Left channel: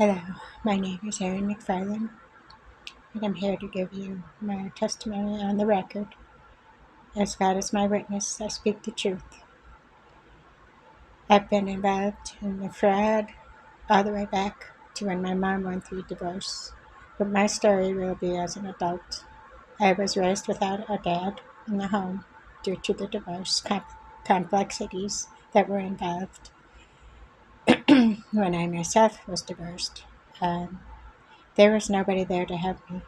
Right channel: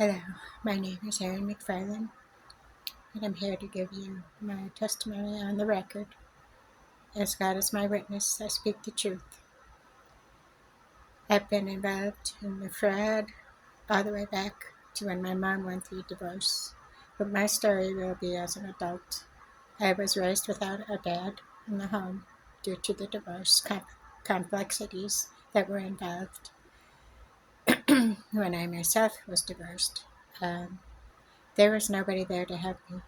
Hello, my name is Erin McFarlin, and I'm here to give you my testimony on the record. As God is my witness, I speak the truth. I've been involved in the fraud all the way back to when my mom went through divorce, but my story will be as an adult. I was raised without a dad in the home due to the divorce complexities that were involved when I myself was divorced. Um, there was nobody there to help me.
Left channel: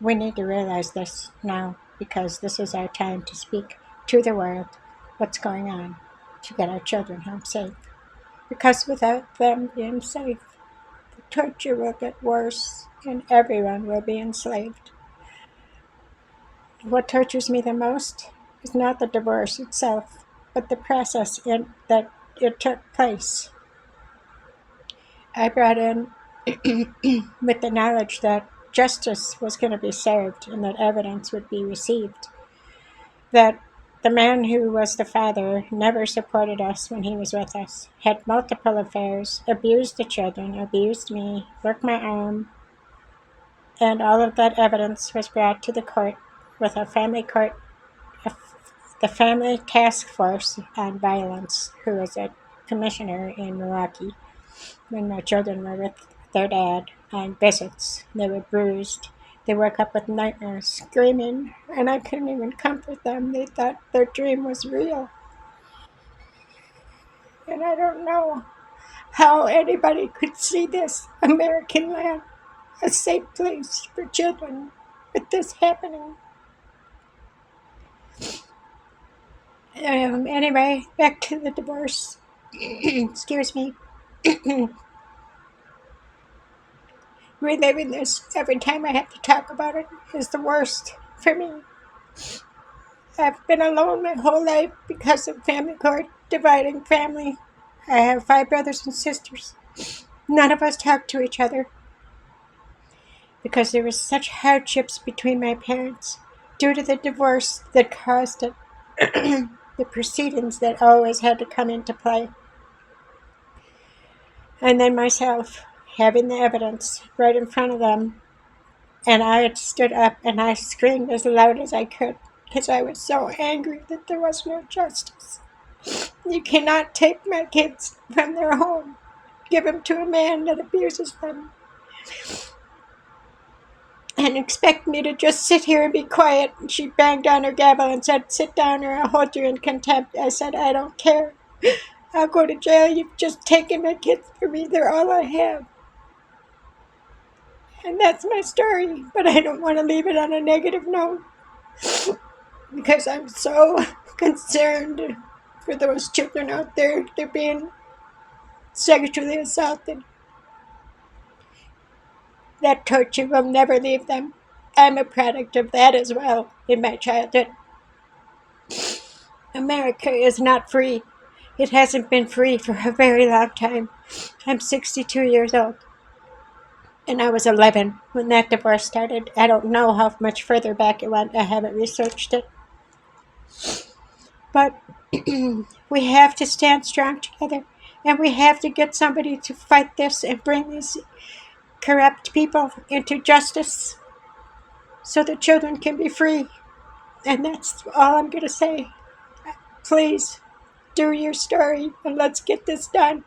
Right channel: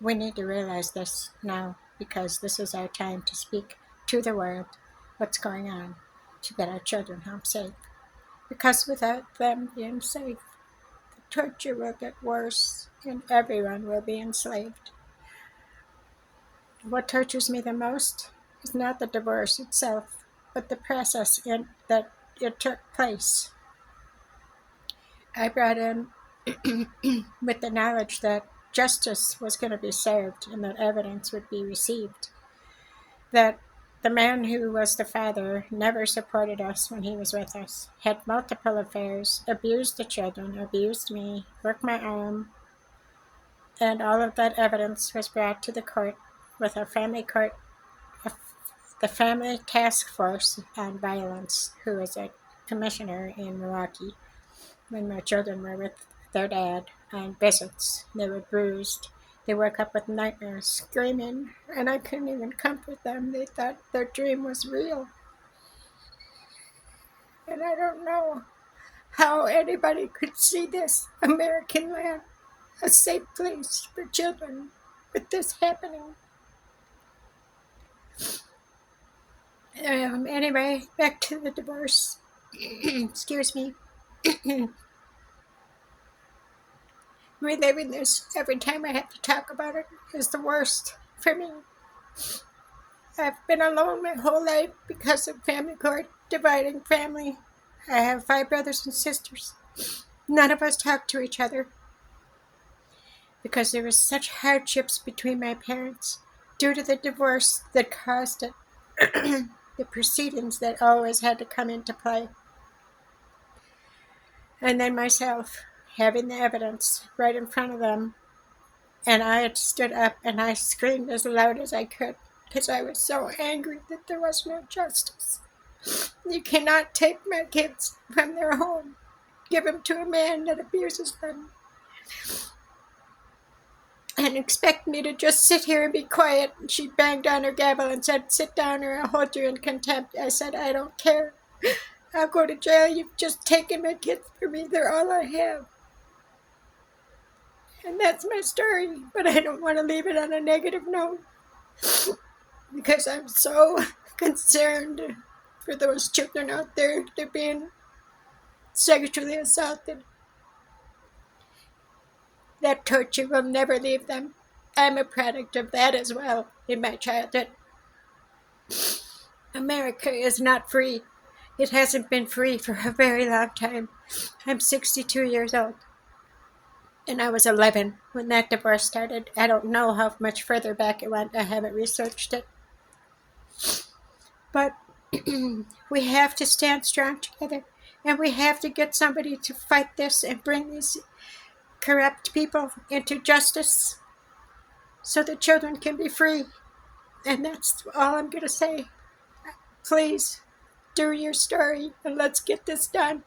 We need to realize this now because this is our time to speak to the world what's going on to get our children home safe. Because without them being safe, the torture will get worse and everyone will be enslaved. What tortures me the most is not the divorce itself, but the process that it took place. I brought in with the knowledge that justice was going to be served and that evidence would be received. That the man who was the father never supported us when he was with us, had multiple affairs, abused the children, abused me, broke my arm, and all of that evidence was brought to the court with a family court, the Family Task Force on Violence, who was a commissioner in Milwaukee when my children were with their dad on visits. They were bruised. They woke up with nightmares, screaming, and I couldn't even comfort them. They thought their dream was real. And I don't know how anybody could see this American land, a safe place for children, with this happening. Anyway, back to the divorce. Excuse me. Reliving this every time I have to talk about it is the worst for me. I've been alone my whole life because of family court, dividing family. I have 5 brothers and sisters. None of us talk to each other because there was such hardships between my parents due to the divorce that caused it. The proceedings that always had to come into play. And then myself, having the evidence right in front of them, and I had stood up and I screamed as loud as I could because I was so angry that there was no justice. You cannot take my kids from their home, give them to a man that abuses them, and expect me to just sit here and be quiet. She banged on her gavel and said, "Sit down or I'll hold you in contempt." I said, "I don't care. I'll go to jail. You've just taken my kids from me. They're all I have." And that's my story, but I don't want to leave it on a negative note because I'm so concerned for those children out there. They're being sexually assaulted. That torture will never leave them. I'm a product of that as well in my childhood. America is not free. It hasn't been free for a very long time. I'm 62 years old. And I was 11 when that divorce started. I don't know how much further back it went. I haven't researched it. But we have to stand strong together. And we have to get somebody to fight this and bring these corrupt people into justice so the children can be free. And that's all I'm going to say. Please do your story and let's get this done.